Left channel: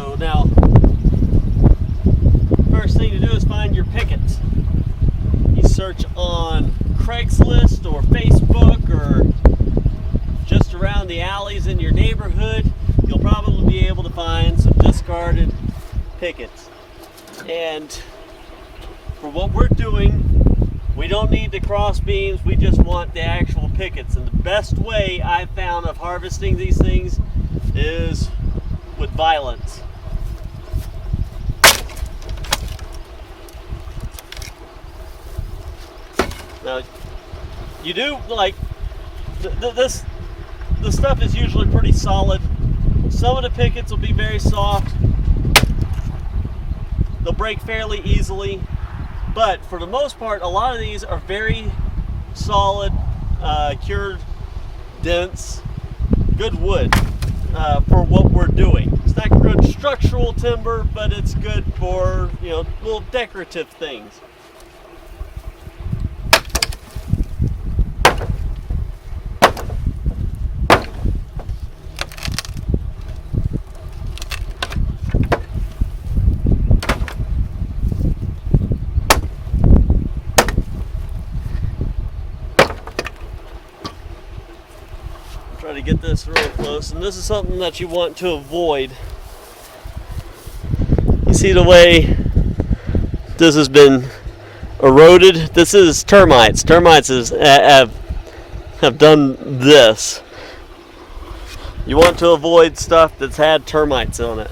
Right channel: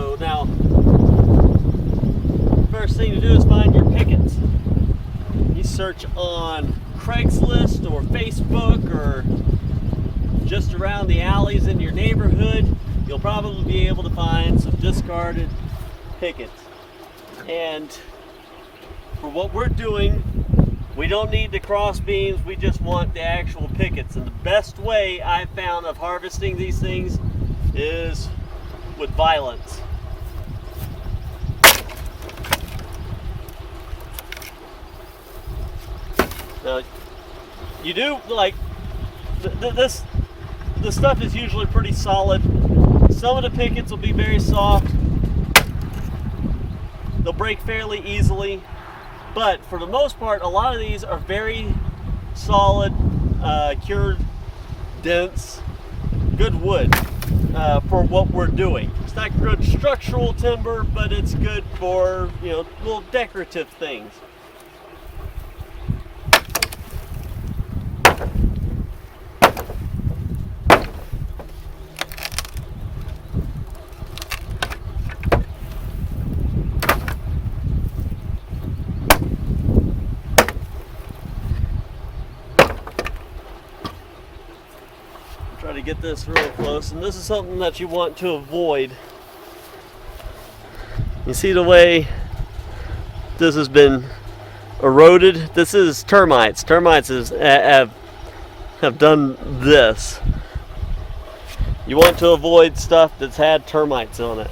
So now, first thing to do is find your pickets. You search on Craigslist or Facebook or just around the alleys in your neighborhood. You'll probably be able to find some discarded pickets. And for what we're doing, we don't need the cross beams, we just want the actual pickets. And the best way I've found of harvesting these things is with violence. Now, you do like this stuff is usually pretty solid. Some of the pickets will be very soft. They'll break fairly easily, but for the most part, a lot of these are very solid, cured, dense, good wood for what we're doing. It's not good structural timber, but it's good for, you know, little decorative things. Try to get this real close, and this is something that you want to avoid. You see the way this has been eroded? This is termites. Termites have done this. You want to avoid stuff that's had termites on it,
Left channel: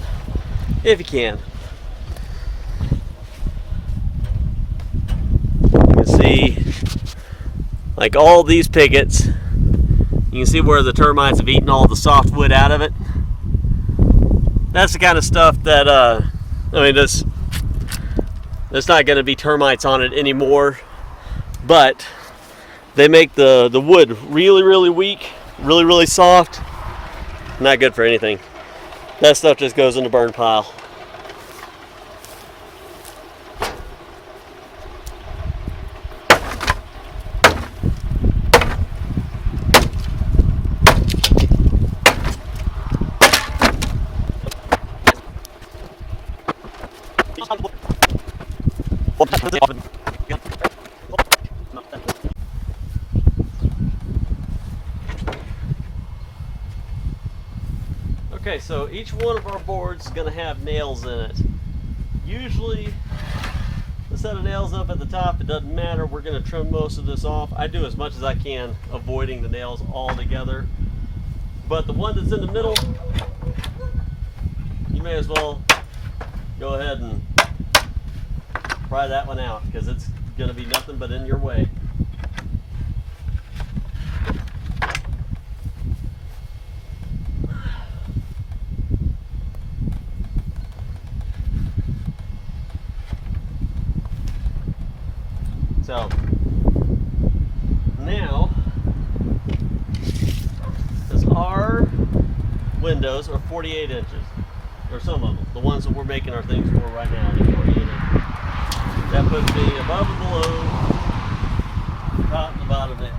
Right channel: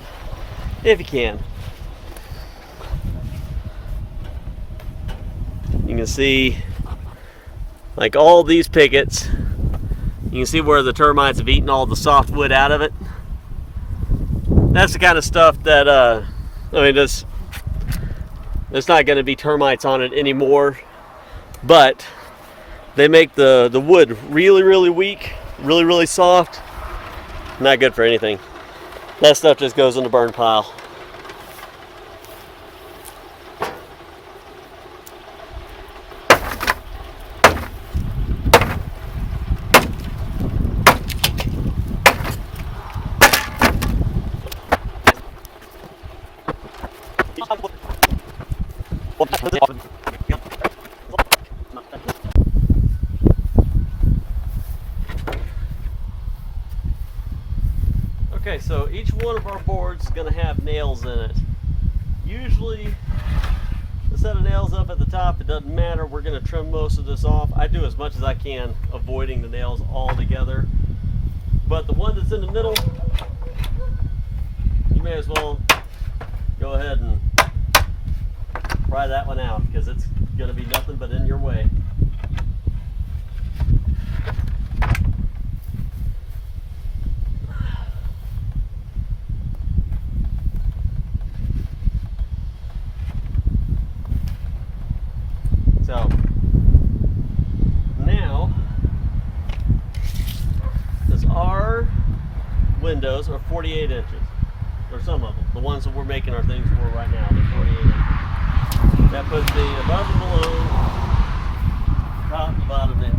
if you can. You can see, like all these pickets, you can see where the termites have eaten all the soft wood out of it. That's the kind of stuff that, I mean, there's not going to be termites on it anymore, but they make the wood really, really weak, really, really soft. Not good for anything. That stuff just goes in the burn pile. Okay, so each one of our boards is going to have nails in it. Usually, the set of nails up at the top, it doesn't matter. We're going to trim most of this off. I do as much as I can, avoiding the nails altogether. But the one that's in the middle, you may as well go ahead and pry that one out, because it's going to be nothing but in your way. So now, because our windows are 48 inches, or some of them, the ones that we're making our things for right now, they're 48 inches. That puts me above and below, top and the bottom nails.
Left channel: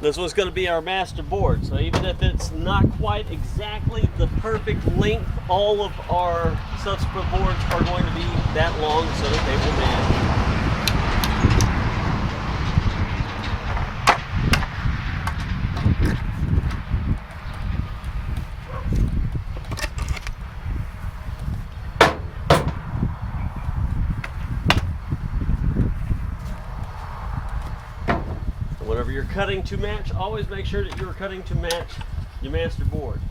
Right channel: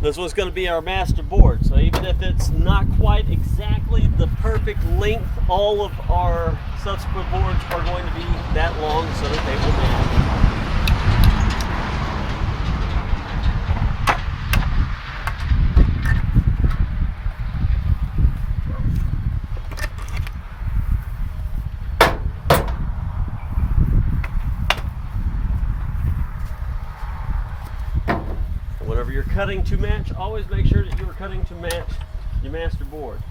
This was going to be our master board, so even if it's not quite exactly the perfect length, all of our subsequent boards are going to be that long so that they will match. whenever you're cutting to match, always make sure that you're cutting to match your master board.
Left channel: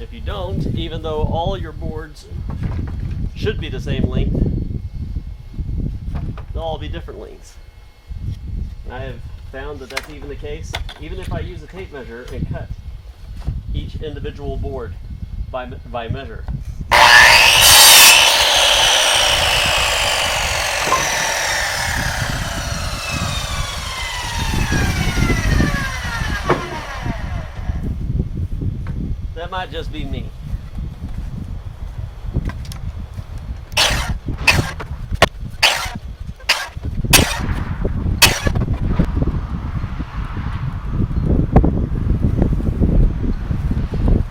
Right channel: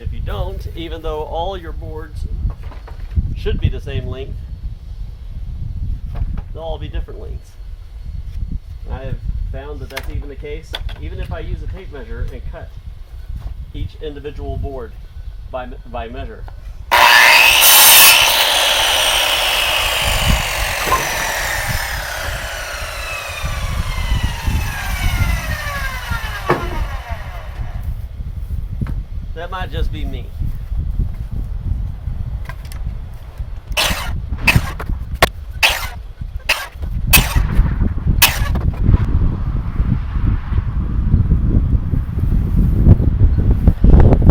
If you don't, even though all your boards should be the same length, they'll all be different lengths. I have found that that's even the case, even if I use a tape measure and cut each individual board by measure. That might just be me.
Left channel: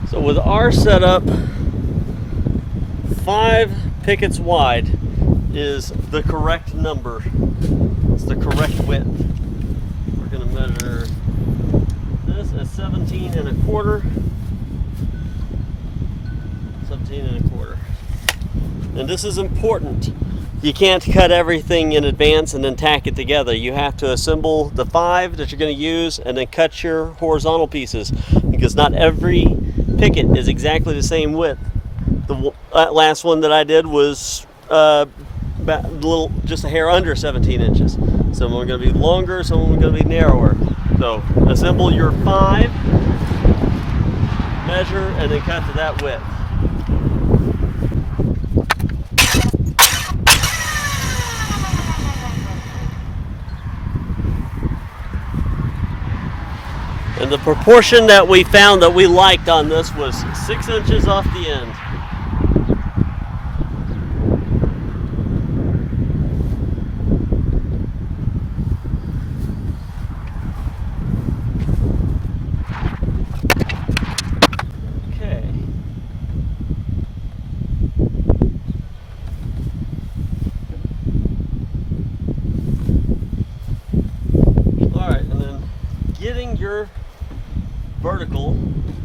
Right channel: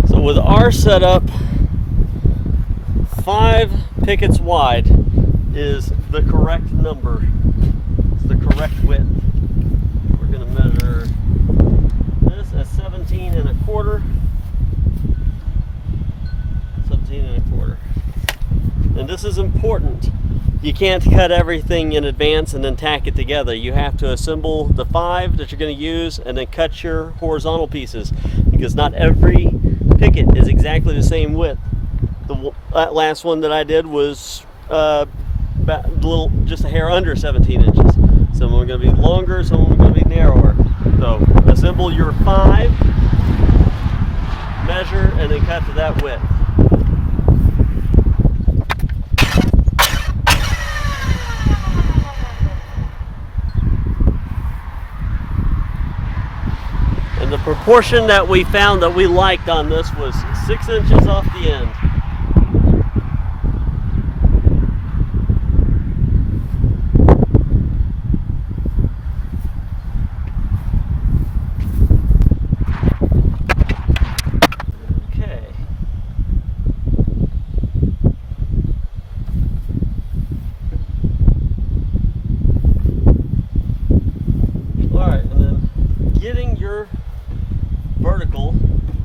So with our setup, 5 pickets wide is the correct number. It's the correct width. We're going to measure this as 17 1/4. 17 1/4. And this is important. You can't cut everything in advance and then tack it together. You have to assemble the 5 that you're going to use and then cut your horizontal pieces, because not every picket is exactly the same width. The last one that I did was just a hair under 17 inches. Some are going to be longer, some are going to be narrower. So assemble your 5, measure, and then cut to that width. And the proportion that we found that we liked on this was 6 inches off the end. Okay. All right, and then getting your vertical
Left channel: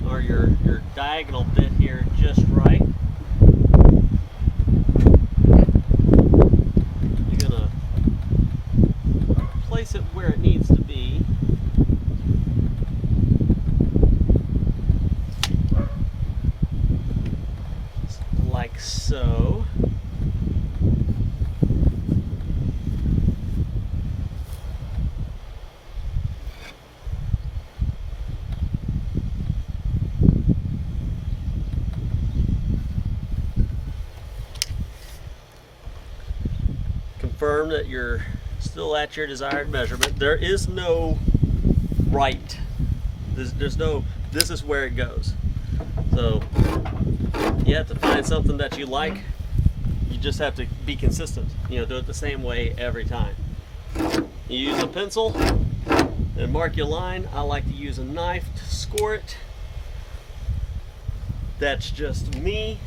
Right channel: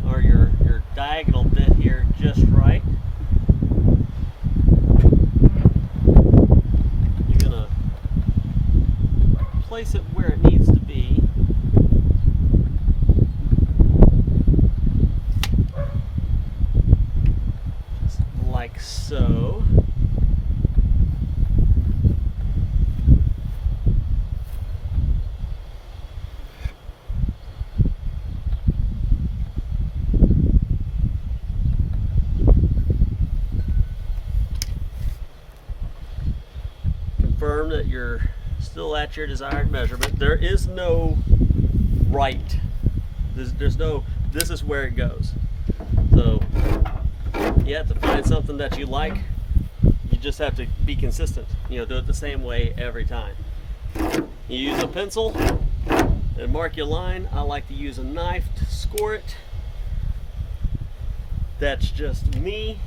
or your diagonal bit here just right. You're gonna place it where it needs to be. Just like so. Confirm that you're still at your desired measurement. There is no right. There's no, this is where it goes. So you have to find something that you like. You just have to be consistent. You know, do it the same way every time. You use a pencil and mark your line. I like to use a knife to score it. That's just me.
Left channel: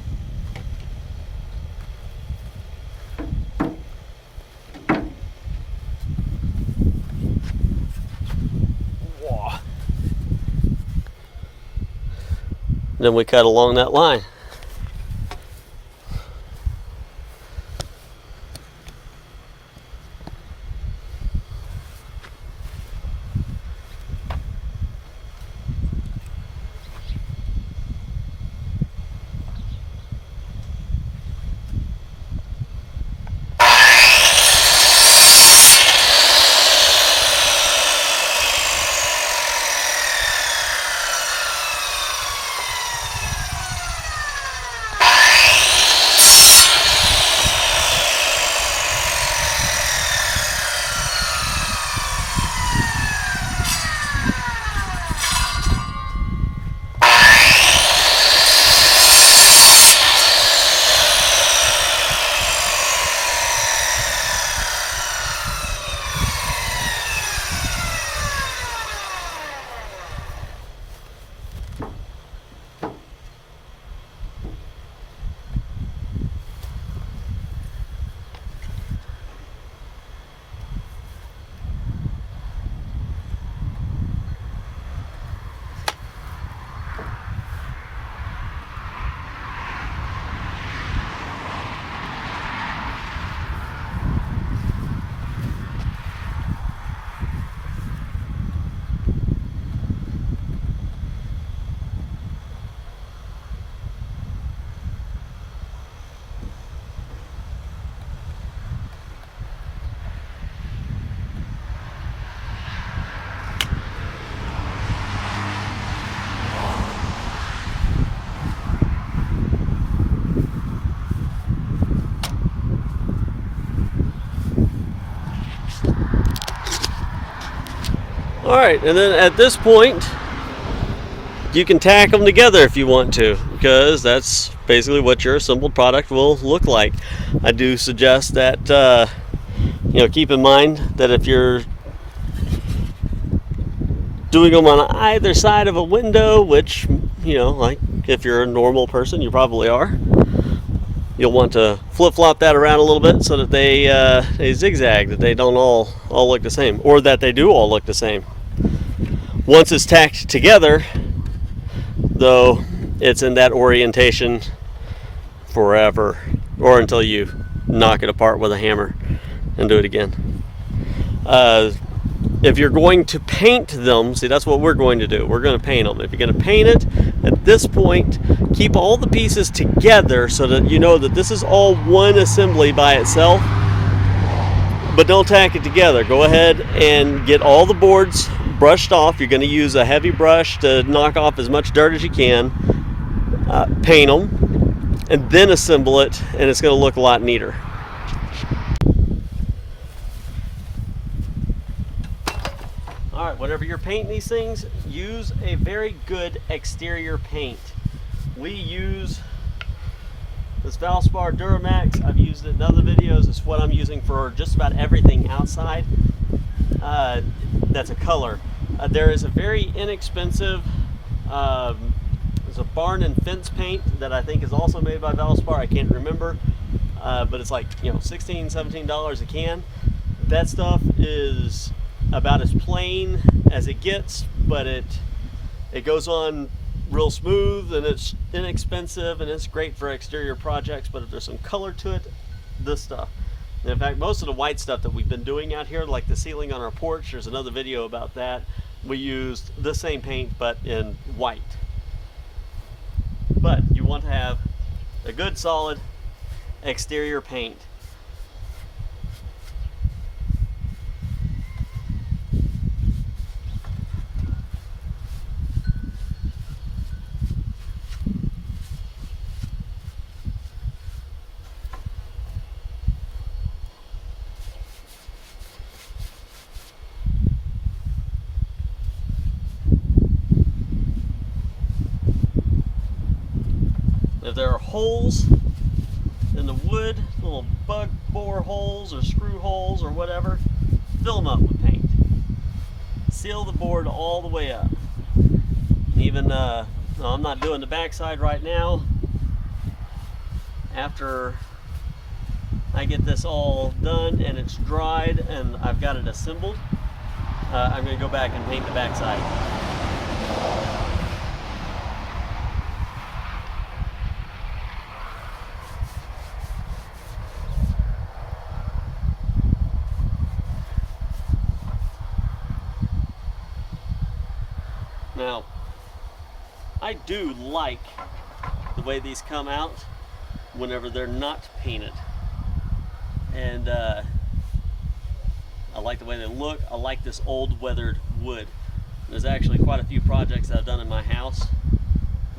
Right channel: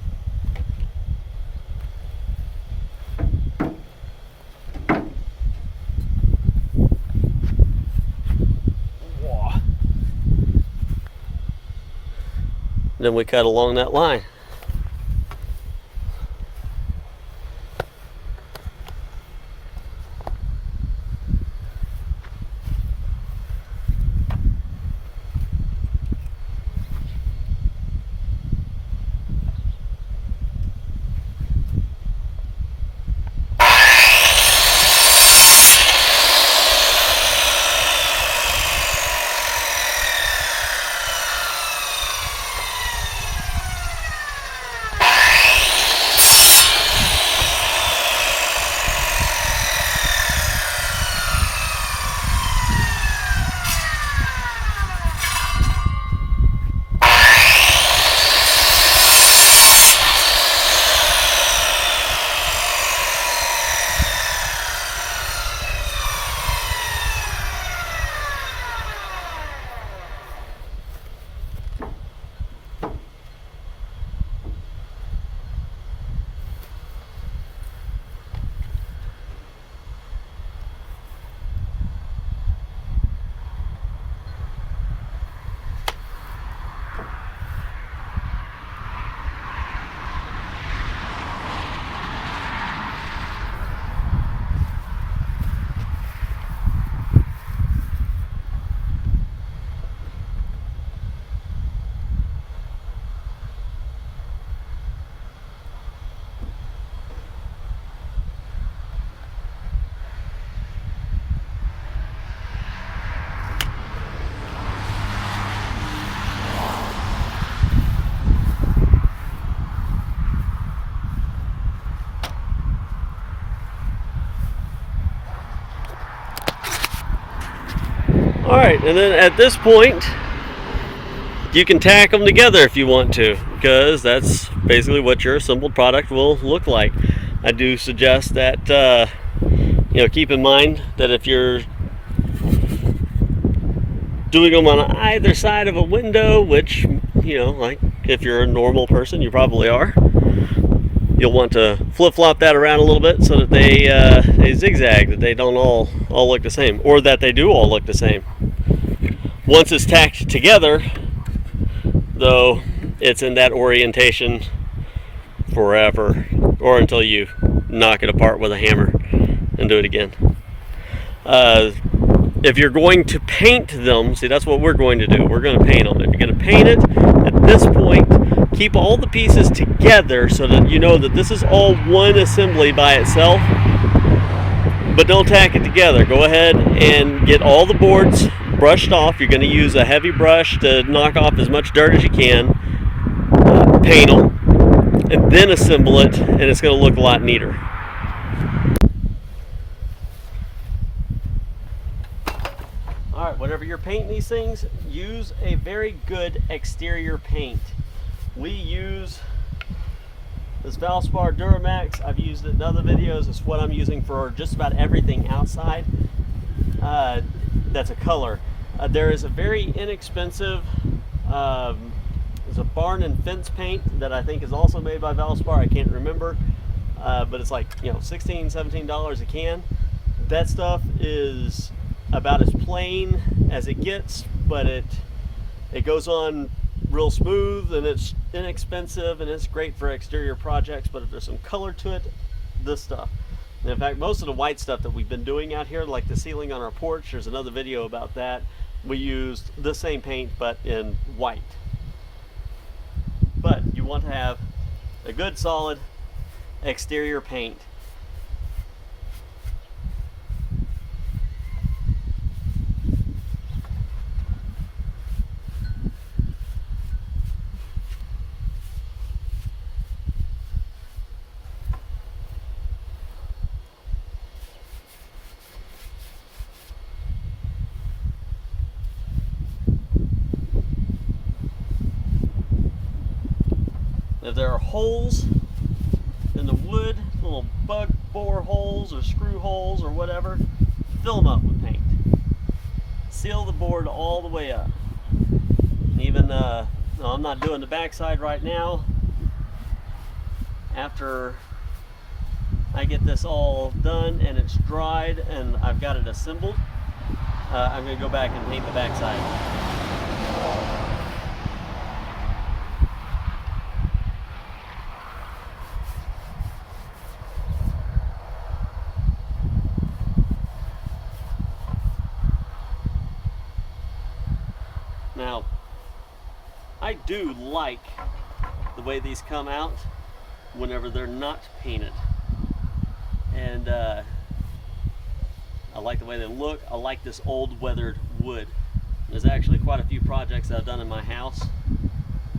Then we cut along that line. right, and then at this point, you can tack them together if you want to, because that's basically what your assembled product will look like. I do suggest that keep in mind that if you're doing them on either side of a window, which like if you're a normal person, you probably are, you'll want to flip-flop that around a little bit so that they zigzag, that they don't all look the same, or that they do all look the same. Once it's tacked together, though, it's in that orientation forever, or until you knock it apart with a hammer and do it again. If you're going to paint them, see, that's what we're going to do. We're going to paint them. If you're going to paint it, at this point, keep all the pieces together so that you know that this is all one assembly by itself, but don't tack it together. Go ahead and get all the boards brushed off. You're going to use a heavy brush to knock off as much dirt as you can. Paint them, and then assemble it, and it's going to look a lot neater. Alright, whenever you're painting these things, use a very good exterior paint. We use this Valspar Duramax. I've used it in other videos. It's what I'm using for just about everything outside. That's a color. There is a very inexpensive there's a barn and fence paint that I think is also made by Valspar. I can't remember, but it's like $16, $17 a can. That stuff is about as plain as it gets, but it goes on real smooth, and it's inexpensive, and it's great for exterior projects. But if there's some color to it, this stuff. And in fact, most of the white stuff that we've been doing out here, like the ceiling on our porch, there's another video about that. We used the same paint but in white. But you want to have a good solid exterior paint. If there are holes in the wood, little bug bore holes or screw holes or whatever, fill them up with paint. Seal the board all the way up. And even, no, I'm not doing the backside right now. After I get this all done and it's dried and I've got it assembled, I'm going to go back and paint the backside. Now, I do like the way these come out whenever they're not painted. And I like the way they look. I like this old weathered wood. There's actually quite a few projects that I've done in my house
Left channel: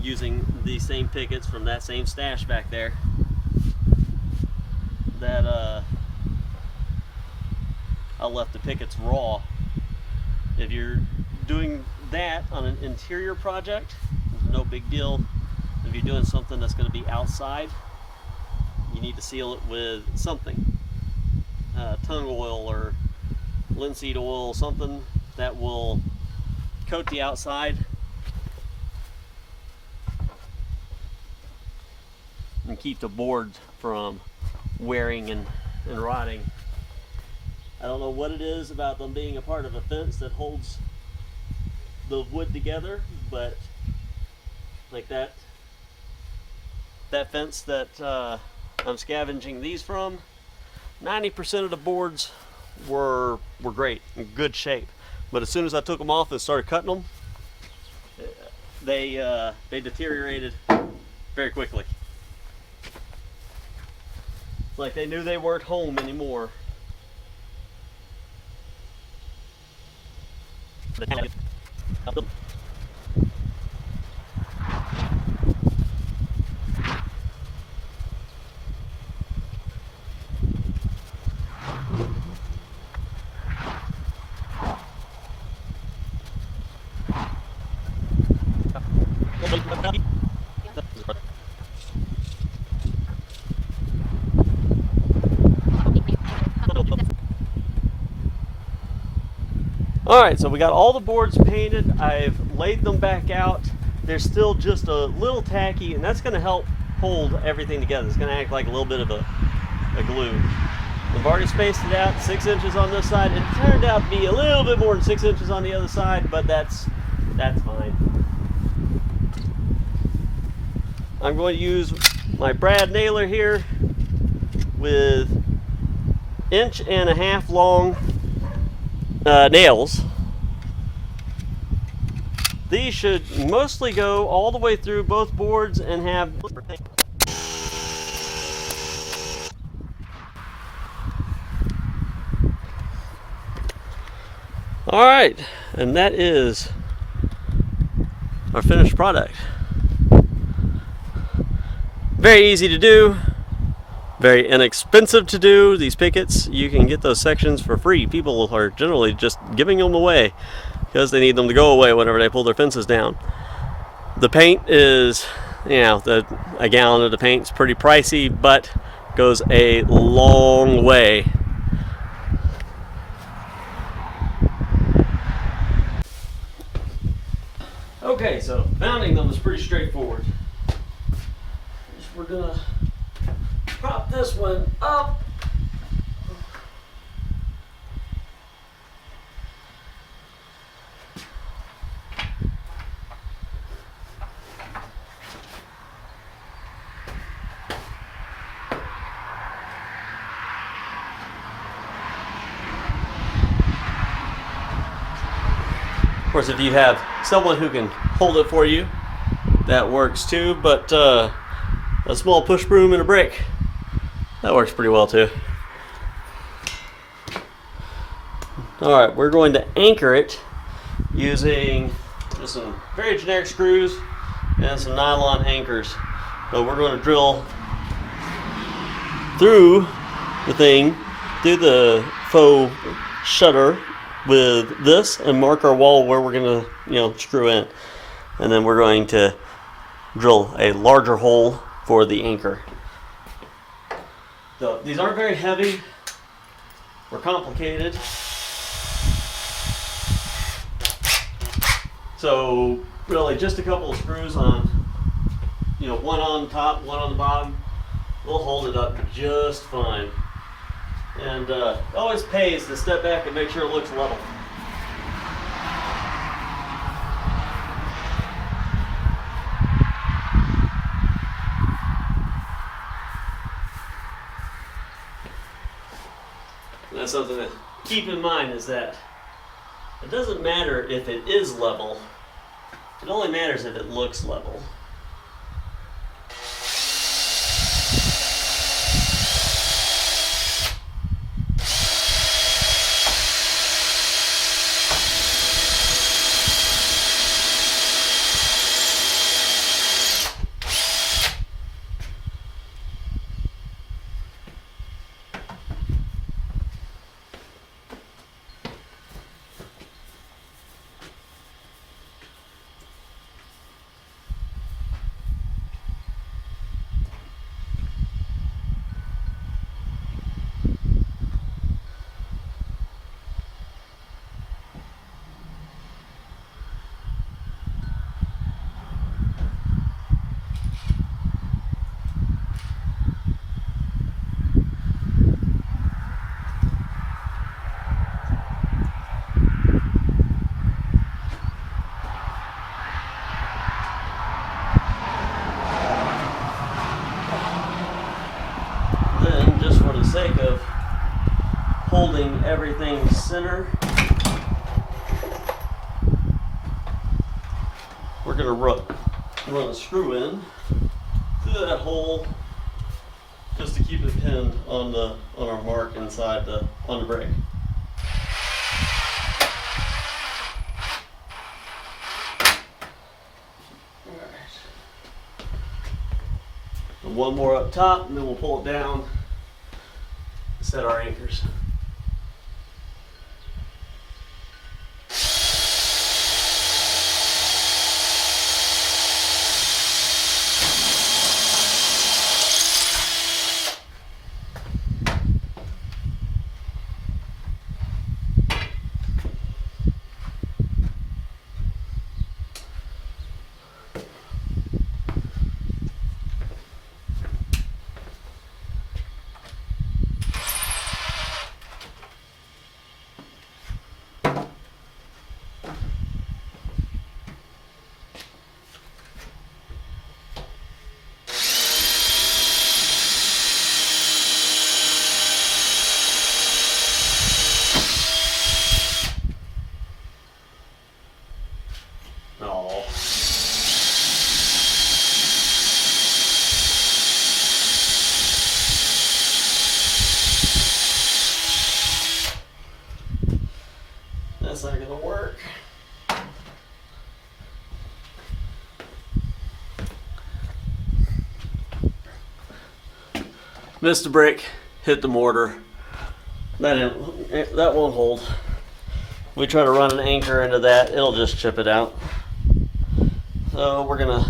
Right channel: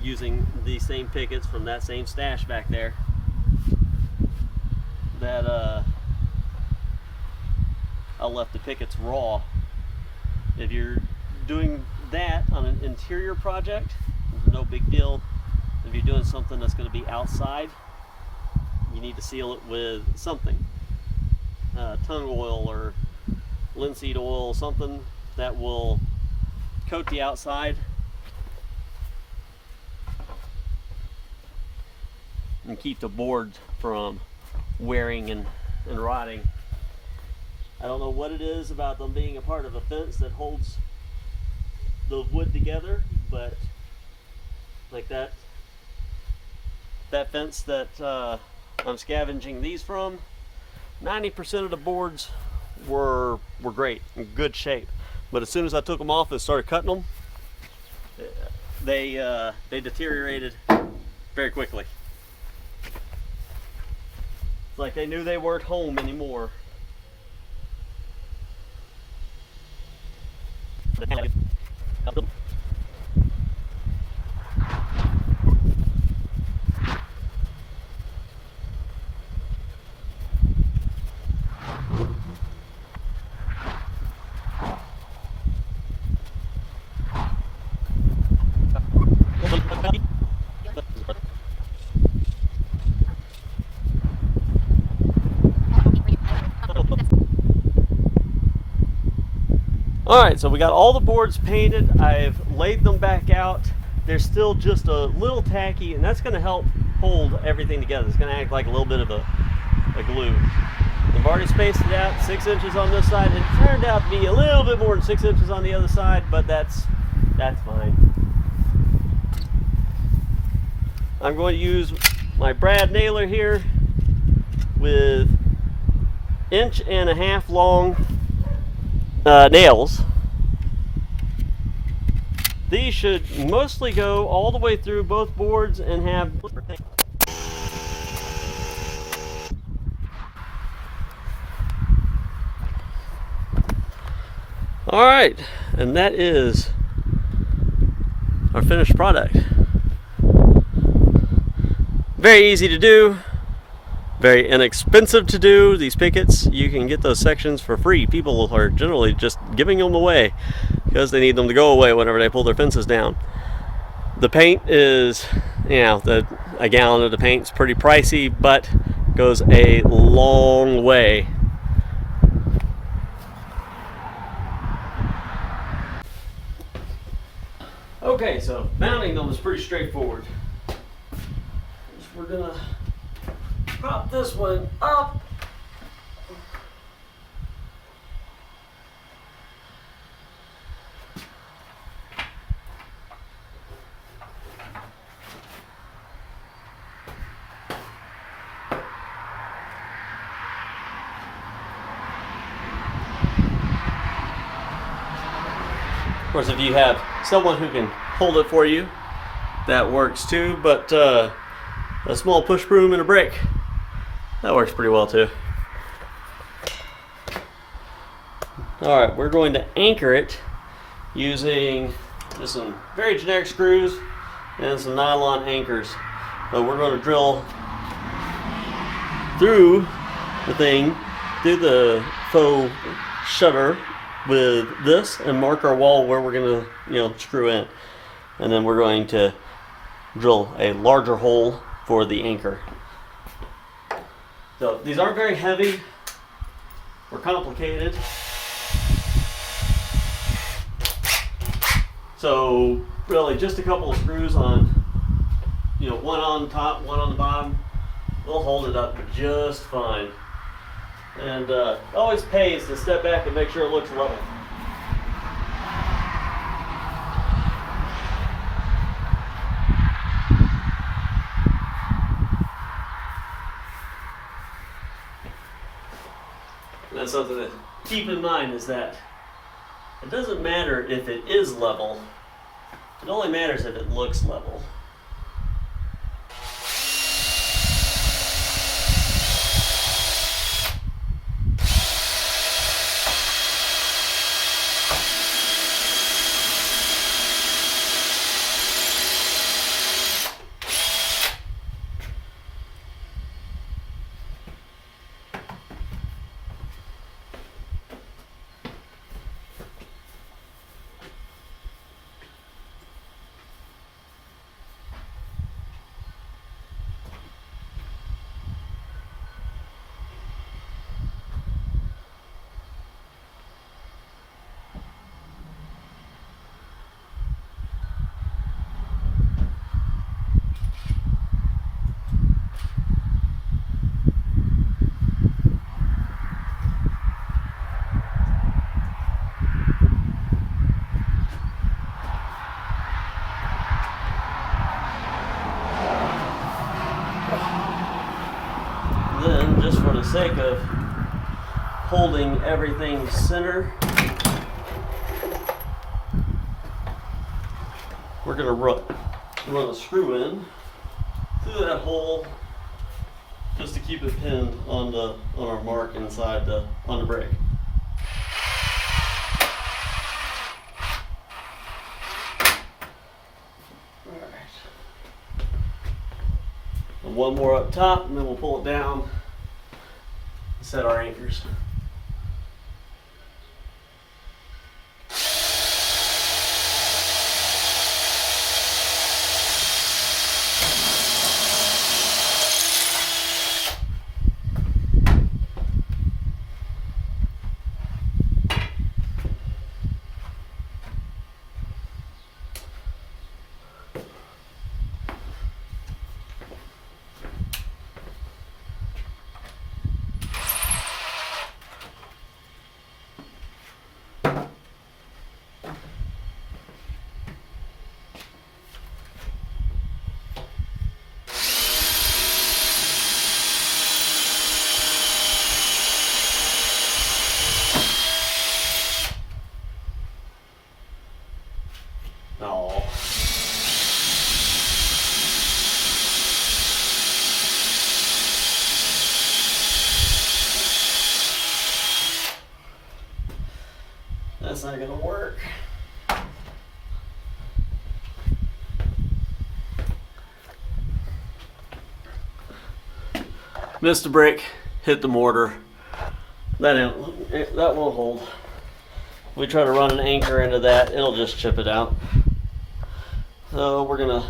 using these same pickets from that same stash back there that I left the pickets raw. If you're doing that on an interior project, there's no big deal. If you're doing something that's going to be outside, you need to seal it with something, tung oil or linseed oil, something that will coat the outside and keep the board from wearing and rotting. I don't know what it is about them being a part of a fence that holds the wood together, but like that fence that I'm scavenging these from, 90% of the boards were great, in good shape. But as soon as I took them off and started cutting them, they deteriorated very quickly. It's like they knew they weren't home anymore. Alright, so we got all the boards painted. I've laid them back out. They're still just a little tacky, and that's going to help hold everything together. It's going to act like a little bit of a glue. I've already spaced it out, 6 inches on this side. It turned out to be a little bit more than 6 inches on the other side, but that's fine. I'm going to use my brad nailer here with 1.5 inch long nails. These should mostly go all the way through both boards and have all right, and that is our finished product. Very easy to do, very inexpensive to do. These pickets, you can get those sections for free. People are generally just giving them away because they need them to go away whenever they pull their fences down. The paint is, you know, a gallon of the paint is pretty pricey, but goes a long way. Okay, so mounting them is pretty straightforward. We're gonna prop this one up. Of course, if you have someone who can hold it for you, that works too, but a small push broom and a brick, that works pretty well too. Alright, we're going to anchor it using just some very generic screws and some nylon anchors. So we're going to drill through the thing, through the faux shutter with this, and mark our wall where we're going to, screw in. And then we're going to drill a larger hole for the anchor. So these aren't very heavy or complicated. So really just a couple of screws on, one on top, one on the bottom. We'll hold it up just fine. And it always pays to step back and make sure it looks level. That's something to keep in mind, is that it doesn't matter if it is level, it only matters if it looks level. Then, just for the sake of holding everything center, we're going to run a screw in through that hole just to keep it pinned on our mark inside on the brick. And one more up top, and then we'll pull it down and set our anchors. Missed a brick, hit the mortar. That won't hold. We try to run an anchor into that, it'll just chip it out. So we're gonna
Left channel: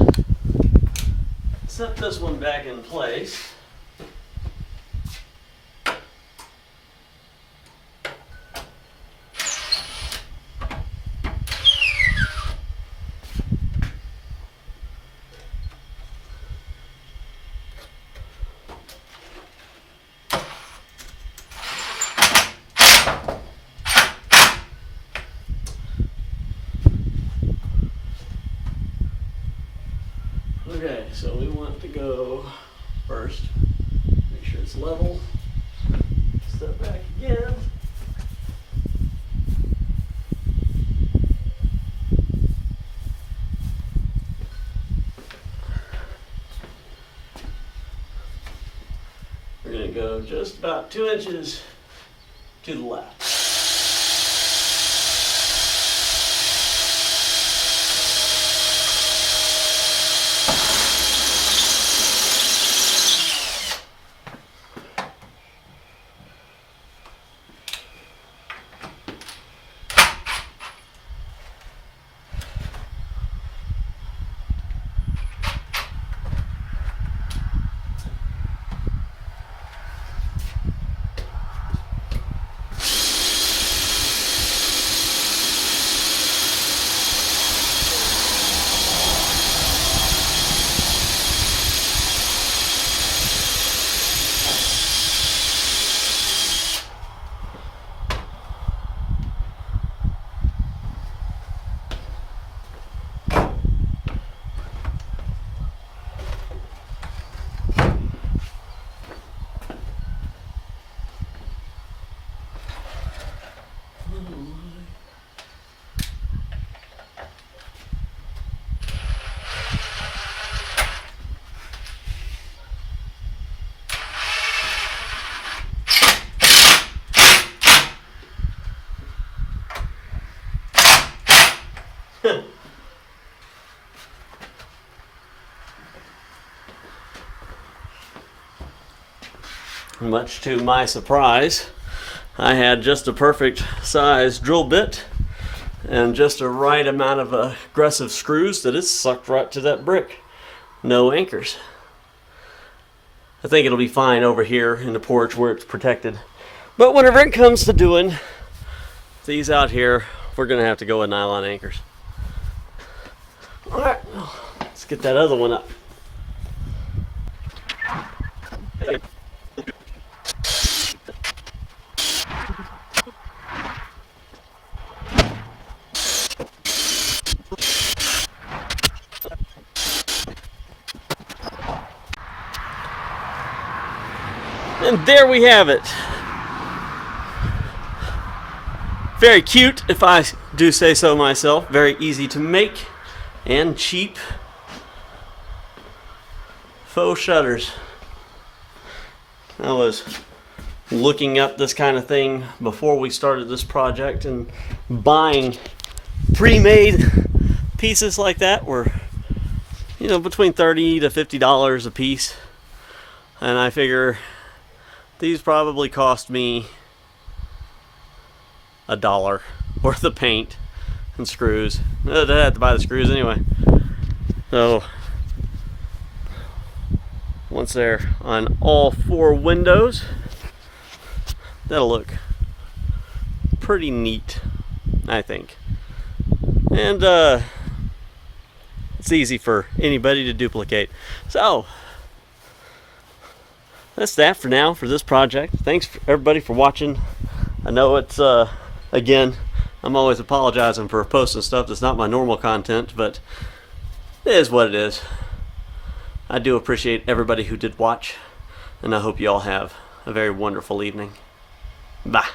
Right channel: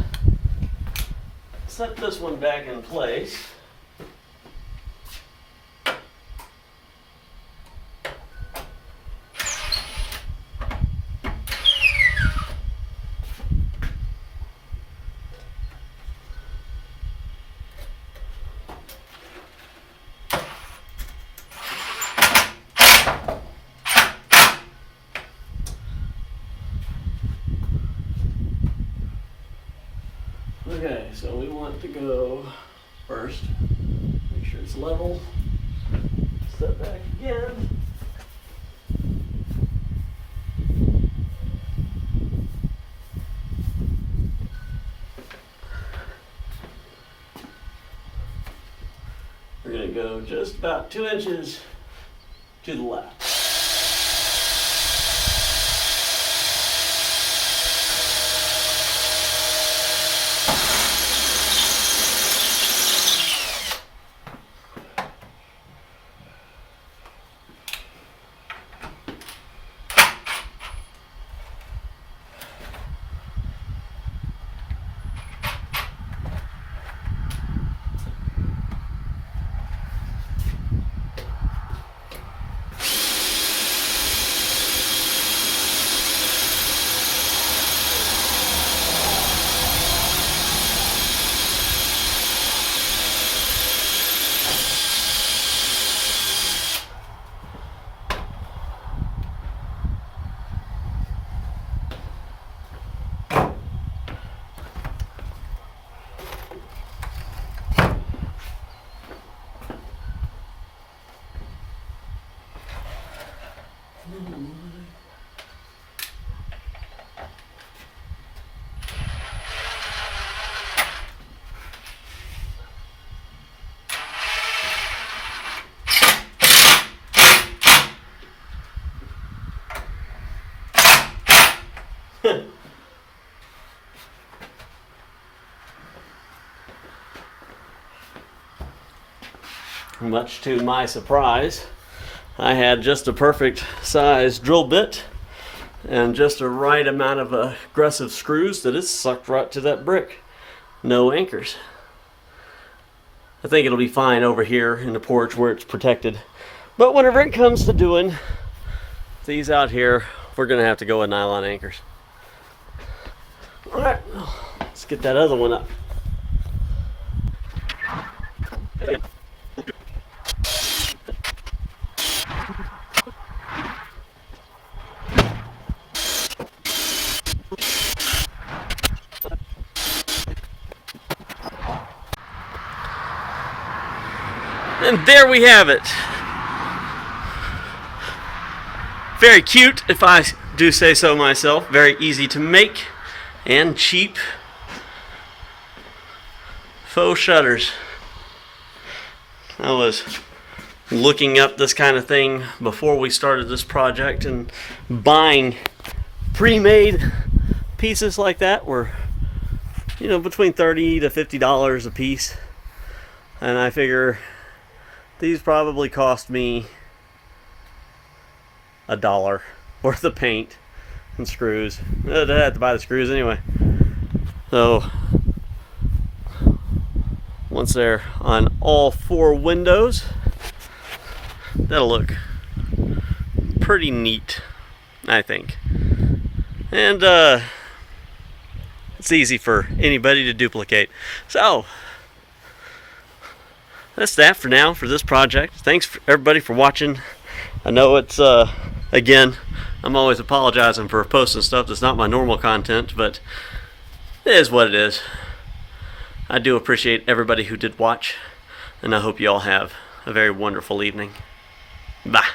set this one back in place. Okay, so we want to go first, make sure it's level, step back again. We're going to go just about 2 inches to the left. Much to my surprise, I had just a perfect size drill bit and just a right amount of aggressive screws that it sucked right to that brick. No anchors. I think it'll be fine over here in the porch where it's protected. But whenever it comes to doing these out here, we're going to have to go with nylon anchors. Alright, let's get that other one up. And there we have it. Very cute, if I do say so myself. Very easy to make and cheap faux shutters. I was looking up this kind of thing before we started this project, and buying pre-made pieces like that were, between $30 to $50 a piece. And I figure these probably cost me $1 worth of paint and screws. I had to buy the screws anyway. So once they're on all 4 windows, that'll look pretty neat, I think. And it's easy for anybody to duplicate. So that's that for now for this project. Thanks everybody for watching. I know it's again, I'm always apologizing for posting stuff that's not my normal content, but it is what it is. I do appreciate everybody who did watch, and I hope you all have a very wonderful evening. Bye.